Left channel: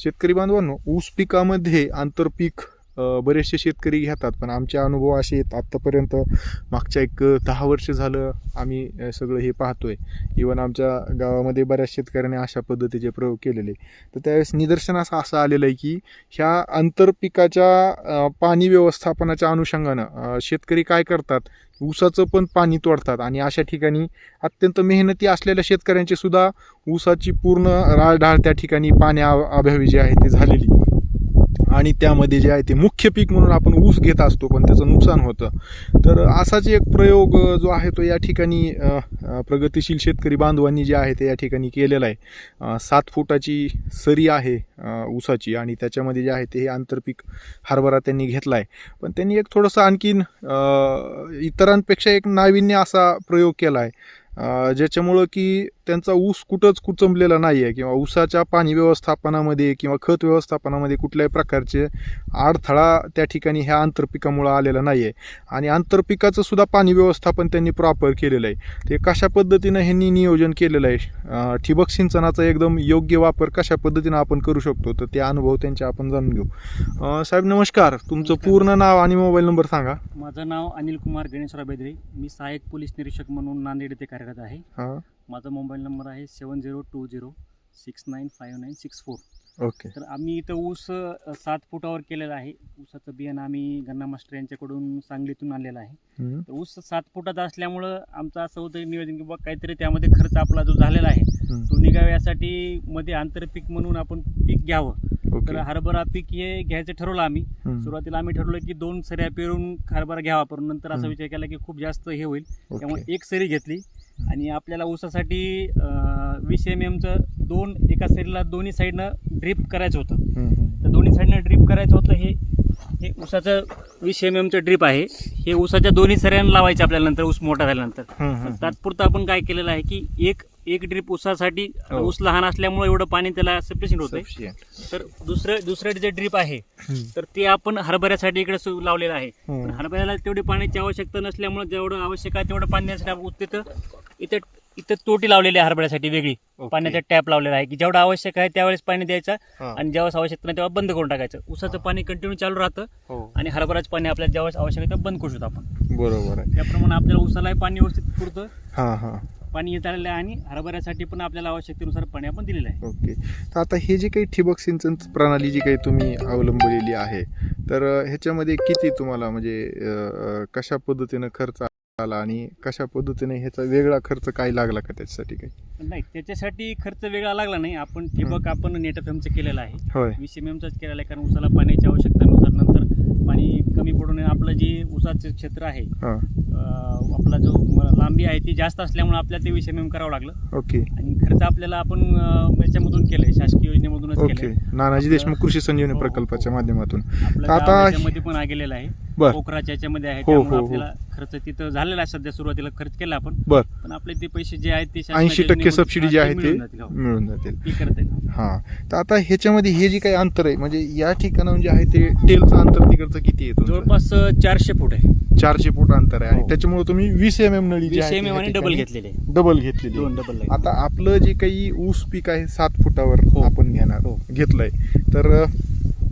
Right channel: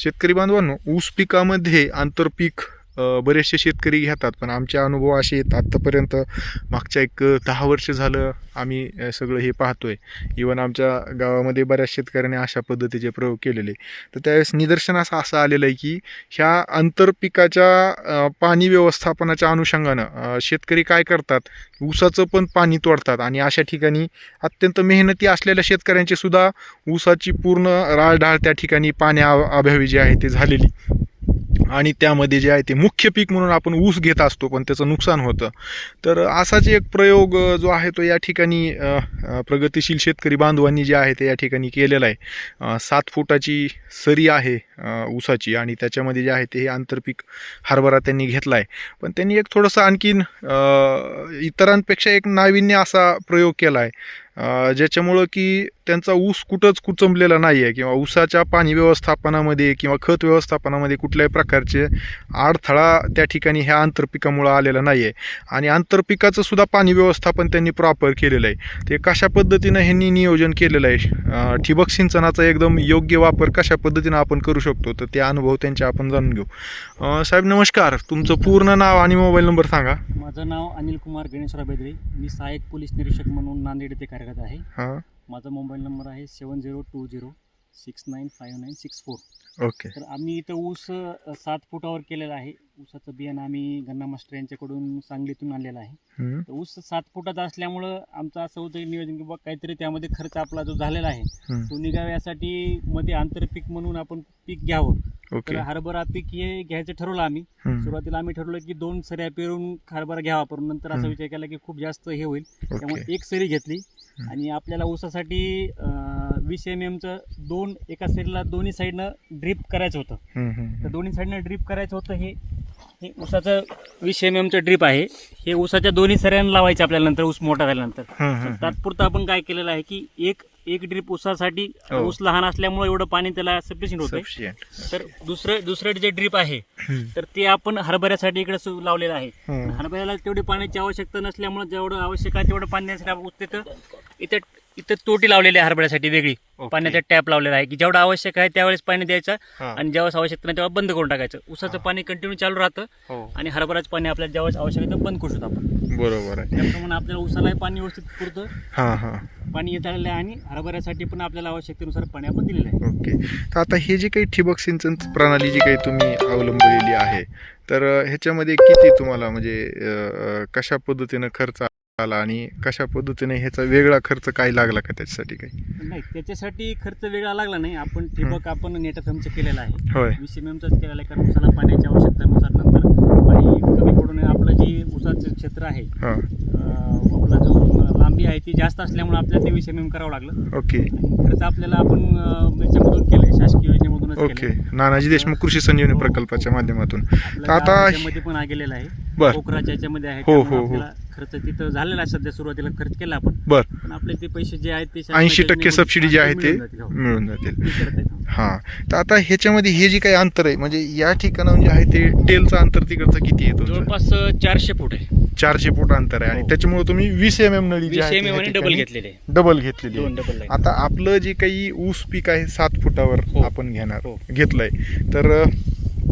शेतकरी बांधवांनो, ऊस पिकामध्ये आंतरपीक बरेचसे शेतकरी घेतात, पण आमचे अनुभव असे आहेत आत्तापर्यंत मागच्या एक 10 वर्ष झालं आम्ही सगळं हे पाहतोय. इवन आमच्या गावामध्ये बऱ्याच शेतकऱ्यांनी अशा पद्धतीचे प्रयोग केलेले. तर त्यावेळेस निदर्शनास असं आलेलं आहे की ह्या आंतरपिकाच्या पाणी व्यवस्थापनाच्या अनुषंगानं शेतकरी काय करतात, ऊसाचं पण पाणी तोडतात आणि अशा ठिकाणी अत्यंत मेहनती असलेल्या शेतकऱ्यांची सुद्धा ऊसाची पूर्ण राळढाळ त्या ठिकाणी पाण्याअभावी जे आहे ते झालेली आणि त्यामध्ये जे आहे ते मुख्य पीक म्हणून आपण ऊस घेत असतो, पण त्याचं नुकसान होतं. तर असाच एक प्रयोग जो आहे तो या ठिकाणी प्रगतिशील शेतकरी बांधवांनी जे आहे ते या ठिकाणी केलेला आहे. 7 फुटाची सरी आहे ऊसाची आणि त्याच्यामध्ये जे आहे ते हे आंतरपीक हरभरा त्यांनी घेतला आहे. पण त्यांनी एक थोडंसं आणखीन इतरांपेक्षा एक नाविन्य असा प्रयोग केला आहे, ज्याच्यामुळं की त्यांचा ऊस कुठंच कुचंबलेला नाही आहे किंवा ऊसाच्या पाणी व्यवस्थापनामध्ये किंवा खत व्यवस्थापनामध्ये कुठल्याही प्रकारचे अडथळा त्या ठिकाणी ह्या आंतरपिकामुळं आलेला नाही आहे. आणि आंतरपिकाचं सुद्धा पाणी व्यवस्थापन त्यांनी प्रॉपर केलेलं आहे. ते कशा पद्धतीनं ह्यांनी नियोजन केलेलं आहे, ठिबक सिंचनाचा एकदम योग्य वापर कशा पद्धतीनं आपण करू शकतो, तर ते अनुभव त्यांचे आपण जाणून घेऊ. साहेब नमस्कार, तुमचं पूर्ण नाव आणि मोबाईल नंबर सांगा. माझं नाव अनिल कुमार गणेशराव बेदरे. मी सहाय्यक पोलीस निरीक्षक म्हणून नांदेड येथे कार्यरत आहे. हां, माझा मोबाईल नंबर आहे 7020695964. ओके. तर आम्ही इथं ऊस 7 फुटावर केलेला आहे. ऊसाचं बियाणं आम्ही गन्ना मास्टर यांच्याकडून सांगलीतून आणलेलं आहे. तर ऊस 7 फुटाचा असल्यामुळं आमचं असं होतं नियोजन की बाबा काहीतरी त्यामध्ये खर्च आपला जो झालेला आहे तो निघावा, यासाठी मध्ये आंतरपीक म्हणून आपण पीक घ्यावं. तर हरभरा पीक हे घ्यायचं ठरवलं आम्ही. सुरुवातीला आम्ही ठरवलं की 2 सऱ्या पेरून हरभरा घ्यावा, पण नंतर असा विचार केला की खूप जास्त हे होईल, त्यामुळे 1 सरी घेतली. आणि आपल्याला ऊसासाठी 20 mm चं एका सरीला दोन्ही साईडनं ड्रीप करायचं होतं. तर दोन्ही साईडनं ड्रीप करायचं होतं. हे ऊसाचं 20 mm चं ड्रीप आहे. हे ऊसाच्या दोन्ही सऱ्यांना लावायचे आपल्याला नंतर ऊस मोठा झाल्यानंतर. तात्पुरतं आपण काय केलेलं आहे की एक ड्रीप ऊसासाठी ऊस लहान असल्यामुळे एवढं पाणी त्याला सफिशियंट होतं. तर दुसरं जे ड्रीप आहे तर ते आपण हरभऱ्यासाठी इकडे लावलेलं आहे. हरभऱ्याला तेवढी पाण्याची आवश्यकता नसल्यामुळे जेवढं आवश्यक आहे तेवढं पाणी देण्यासाठी इथं तोटी लावलेली आहे हरभऱ्यासाठी वेगळी. पाण्याचा टॅप लावलेला आहे की जेवढं आवश्यक आहे त्यावेळेस पाणी द्यायचं आणि ज्यावेळेस आवश्यक नाही तेव्हा बंद करून टाकायचं. ऊसाचं पाणी कंटिन्यू चालू राहतं आणि हरभऱ्याचं पाणी आपल्याला ज्यावेळेस आवश्यक आहे बंद करू शकतो आपण. बरोबर आहे. त्याप्रमाणे आपल्याला ऊसालाही पाणी व्यवस्थित पुरतं, पाणी येत आलेलं आहे आणि हरभऱ्यासाठी पण आपल्याला आवश्यकतेनुसार पाणी आपण दिलेलं आहे. ओके. तर आता हे जे काही ठिबक सिंचन प्रणाली जी काही तुम्ही अवलंबलेली आहे, तर ह्याच्यामध्ये किती तुम्हाला म्हणजे कशा पद्धतीनं खर्च आला आणि कशा पद्धतीने ह्याचा वेगळा खर्च काय लागला का त्याच्यासाठी काही? नाही, त्याच्यासाठी खर्च वेगळा लागला नाही. आपण ठिबक नेट एफएमचं केलेलं आहे. 20 mmचंच केलेलं आहे, कारण ऊसाला पाण्याची आवश्यकतेनुसार नंतर पाणी कमी पडून आपलं जे ऊसाचं क्षेत्र आहे आपला जो लांबी आहे ती जास्त असल्यामुळे आपल्याला ते 20 mm करावं लागलं. ओके. आणि खर्च आपल्याला आपण याच्यामधून केलंय, शासकीय योजनेमधूनच ओके. नानाजी देशमुख कृषी संजीवनी प्रकल्पाच्या माध्यमातून. आता मध्ये पण गेलेला आहे, पोखराच्या याच्यामध्ये आहे. आपल्याला खर्च तिथं झालेला आहे. सध्या सुरुवातीला खर्च केला आपण, पण आपले ते पैसे जे आहेत ते 80% सबसिडी जी आहे ते मिळून जातील. हां. तर आता ह्याच्यामध्ये हे जे काही अंतर आहे, म्हणजे या ठिकाणाहून जे आहे ते टेलचं अंतर तिकडचं किती आहे तुमचं? जवळपास 400 फूट आहे. 400 फूट अंतर आहे आणि त्याच्यामुळे तुम्ही 20 mm नळी जी आहे डबल घेतलेली आहे. आता आपलं जे काही ऊस पीक आहे 7 फुटावर आपण घेतलंय, तर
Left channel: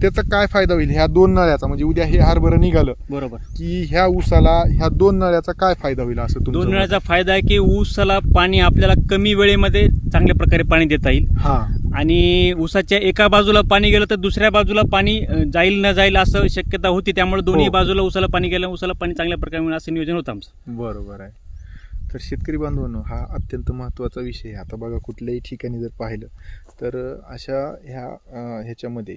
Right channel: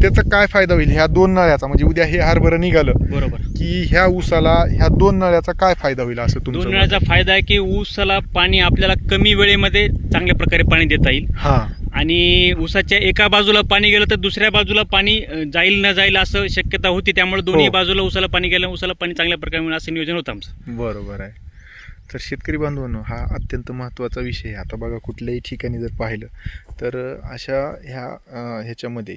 त्याचा काय फायदा होईल ह्या 2 नळ्याचा? म्हणजे उद्या हे हरभरं निघालं बरोबर की ह्या ऊसाला ह्या 2 नळ्याचा काय फायदा होईल असं तुमचं? 2 नळ्याचा फायदा आहे की ऊसाला पाणी आपल्याला कमी वेळेमध्ये चांगल्या प्रकारे पाणी देता येईल. आणि ऊसाच्या एका बाजूला पाणी गेलं तर दुसऱ्या बाजूला पाणी जाईल न जाईल असं शक्यता होती. त्यामुळे दोन्ही बाजूला ऊसाला पाणी गेलं, ऊसाला पाणी चांगल्या प्रकारे मिळेल असं नियोजन होतं आमचं. बरोबर आहे. तर शेतकरी बांधवांनो, हा अत्यंत महत्त्वाचा विषय आहे. आता बघा, कुठल्याही ठिकाणी जर पाहिलं तर अशा ह्याच्यामध्ये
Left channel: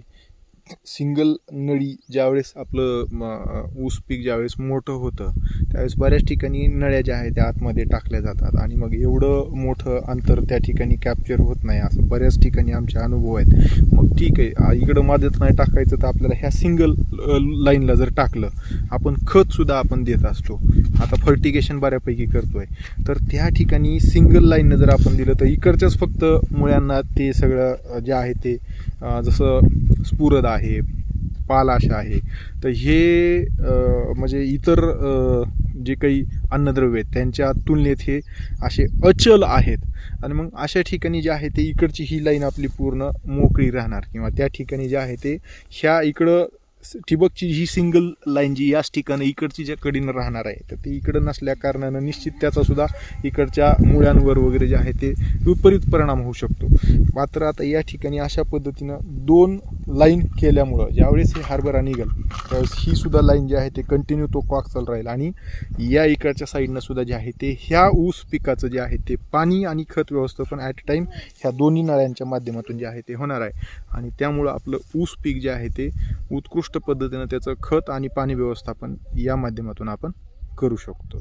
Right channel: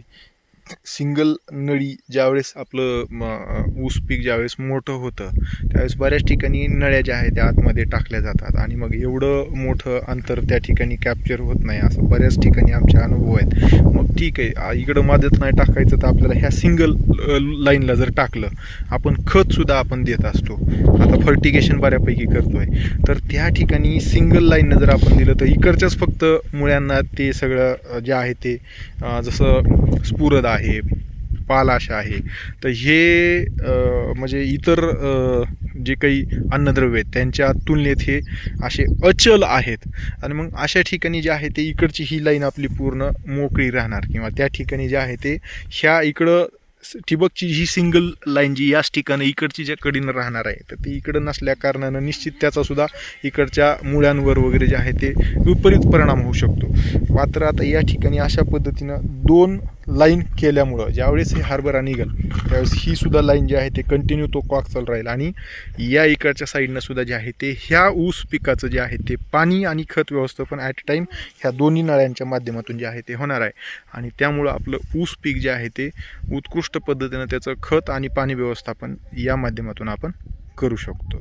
सिंगल नळी ज्यावेळेस आपलं ऊस पीक ज्यावेळेस मोठं होतं त्यावेळेस बऱ्याच ठिकाणी नळ्या ज्या आहेत त्या आतमध्ये टाकल्या जातात आणि मग एवढं मोठं अंतर त्या ठिकाणी कॅप्चर होत नाही, असं बऱ्याच ठिकाणी आमचे अनुभव आहेत. मग ठीक आहे, इकडं मध्यात नाही टाकायचं तर आपल्याला ह्या सिंगल लाईनला जर टाकलं, आपण खतसुद्धा आपण देत असतो, आता फर्टिगेशन बऱ्यापैकी करतोय, तर त्या ठिकाणी सिंगल लाईननं जर आपण दिलं तर इकडच्याच फक्त मुळ्यांना ते सगळं जे आहे ते जसं स्फुरद आहे, पालाश आहे, तर हे म्हणजे इतर जे काही अन्नद्रव्य आहेत त्यांच्या तुलनेत हे असे अचल आहेत. आणि मग अशा ठिकाणी जे आहे ते इकडची ही लाईन आपली पूर्ण मोकळी राहणार, किंवा त्या ठिकाणी जे आहे ते ह्या इकडं ठिबकची ही सिंगल लाईन जी याच ठिकाणी इकडची ज्या कडीनं राहणार आहे, तर ती इकडं नसल्या कारणानं निश्चित त्याचा सुद्धा इकडच्या मुळ्यांवर वगैरे जे आहे ते विपरीत परिणाम होऊ शकतो. मात्र आता या ठिकाणी अशा पद्धतीनं 2 लाईन केल्यामुळं ज्यावेळेस हे हरभरा निघेल त्यावेळेस ही सुद्धा लाईन जी आहे ते कंटिन्यू तो कॉक चालू राहील, आणि या इकडच्या साईडनं सुद्धा जे आहे ते ह्या ऊस पिकाचं जे आहे ते पाणी आणि खत व्यवस्थापन ॲट अ टाईम ह्या दोन्ही नळ्यांच्या माध्यमातून जे आहे ते होणार आहे. आणि त्यामुळं आपलं ऊस पीक जे आहे ते उत्कृष्ट पद्धतीनं त्याचं खत आणि पाणी व्यवस्थापन या माध्यमातून आपण करू शकतो.